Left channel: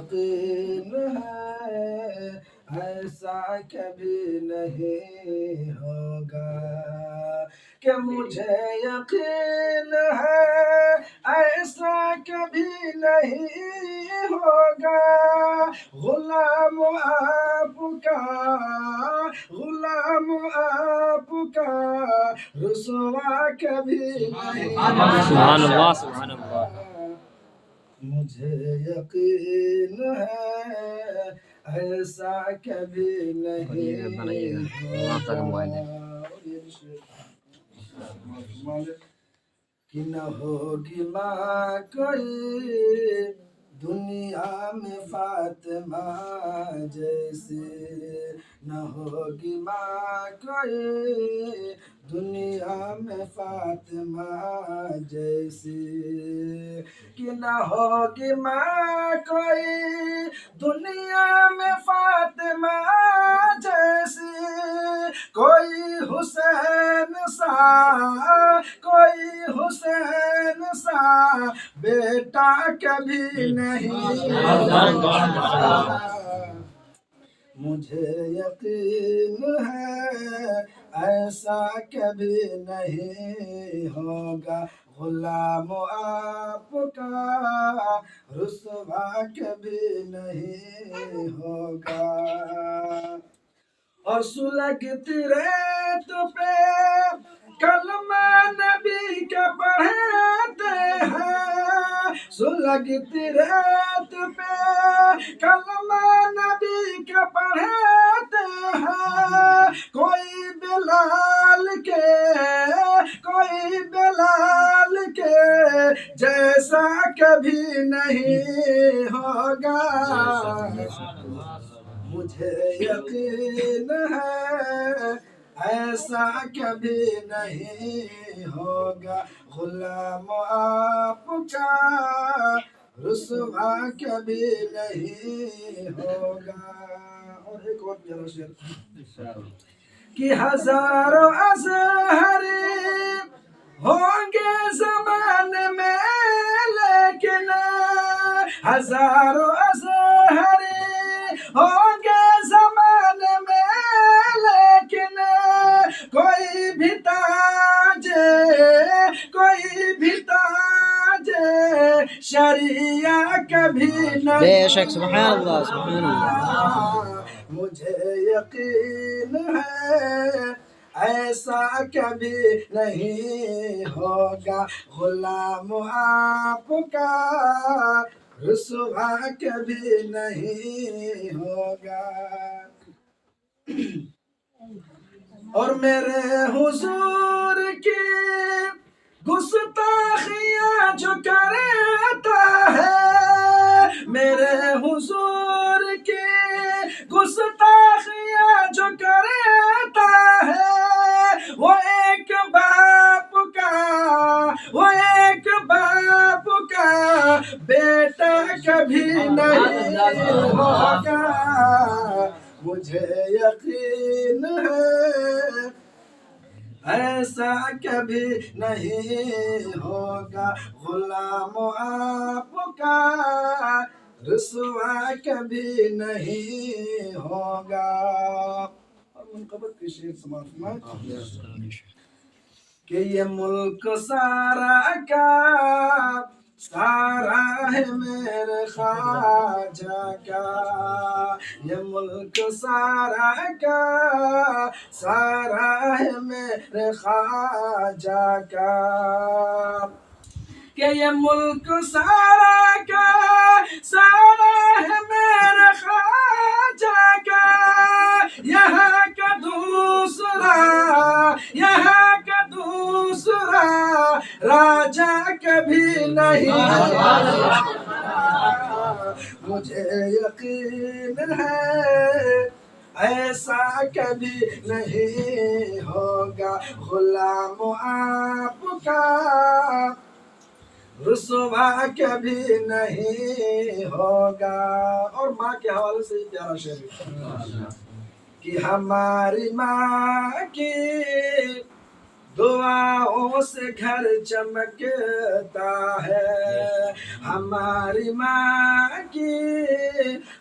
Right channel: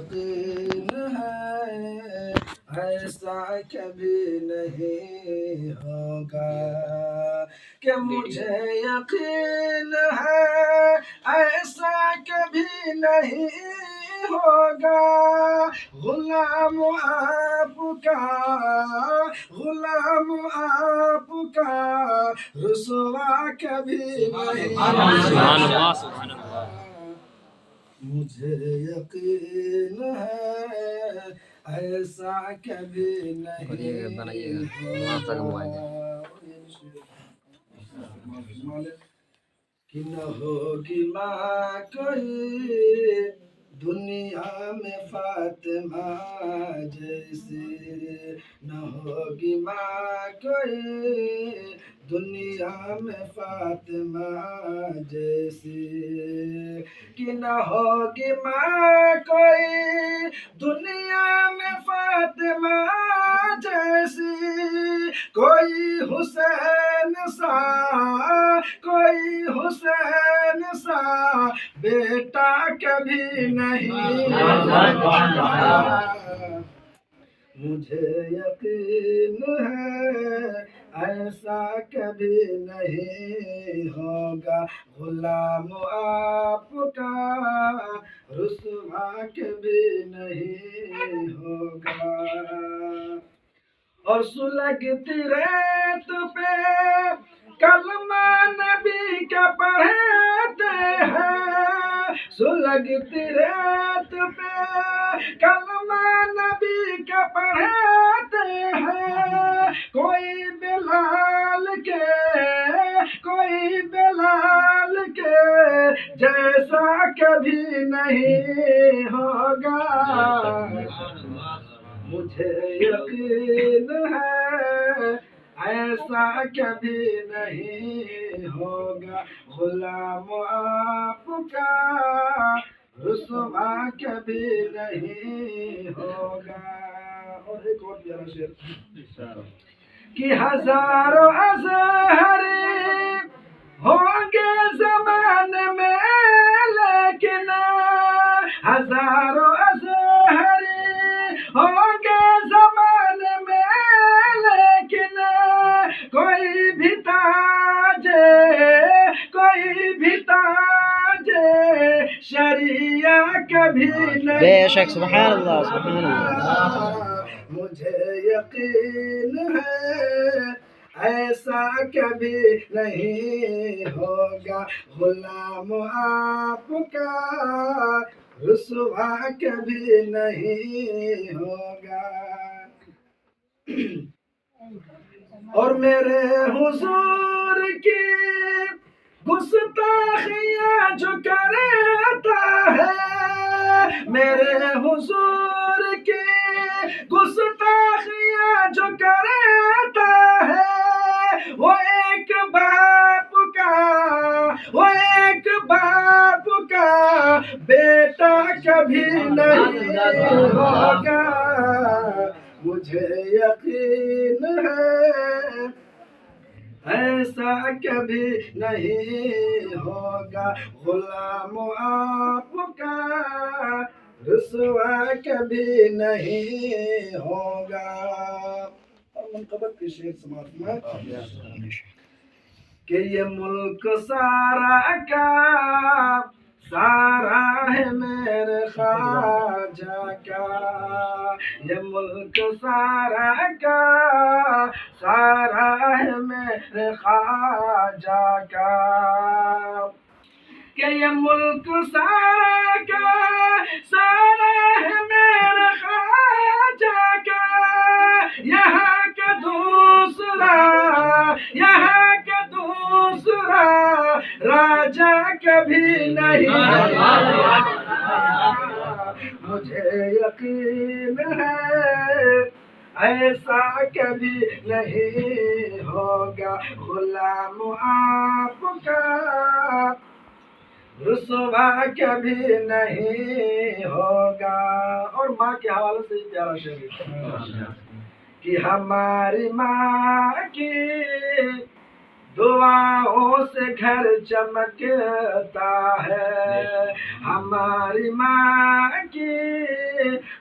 یقین ہے ایسا کبھی نہیں ہوگا کہ مجھے یقین ہے ایسا کبھی نہیں ہوگا غلام آپ کا رسوا کبھی نہیں سبحان اللہ سبحان اللہ مجھے یقین ہے ایسا کبھی نہیں کہ نہ ہوگی ماں کوئی دنیا میں فاطمہ جیسی نہ ہوگی ماں کوئی دنیا میں فاطمہ جیسی کہ نہ ہوگی ماں کوئی دنیا میں فاطمہ جیسی کوئی حسین سا بیٹا کبھی نہیں مجھے یقین ہے ایسا کبھی نہیں ہوگا غلام آپ کا رسوا کبھی نہیں ہوگا اور سلگتی ریت پہ کلمہ نبی کا پڑھتے ہیں سلگتی ریت پہ کلمہ نبی کا پڑھتے ہیں کوئی بلال کے جیسا کبھی نہیں ہوگا مجھے یقین ہے ایسا کبھی نہیں ہوگا غلام آپ کا رسوا کبھی نہیں ہوگا اور ایک اور پیارا شعر کہ ہزاروں ازہری ہوں گے زمانے میں لیکن ہزاروں ازہری ہوں گے زمانے میں لیکن کوئی بھی تاج شریعہ کبھی نہیں بے شک سبحان اللہ سبحان اللہ مجھے یقین ہے ایسا کبھی نہیں ہوگا غلام آپ کا رسوا کبھی نہیں ہوگا اور میرے حضور کی گستاخیاں جو کرتا ہے میرے حضور کی گستاخیاں جو کرتا ہے وہ ایک باپ کا بیٹا کبھی نہیں ہوگا مجھے یقین ہے ایسا کبھی نہیں ہوگا غلام آپ کا رسوا کبھی نہیں ہوگا اور منقبت کی شعر سماعت فرمائیں کہ یہ ملک سارا کا سارا ہے میرے خواجہ کا یہ ملک سارا کا سارا ہے میرے خواجہ کا کہ یہ ملک سارا کا سارا ہے میرے خواجہ کا یہاں کا دوسرا راجہ کبھی نہیں مجھے یقین ہے ایسا کبھی نہیں ہوگا غلام آپ کا رسوا کبھی نہیں ہوگا اور ماں کے حوالے سے پیارا شعر کہ ہماری ماں کی دعاؤں سے گھر چمکتا ہے ہماری ماں کی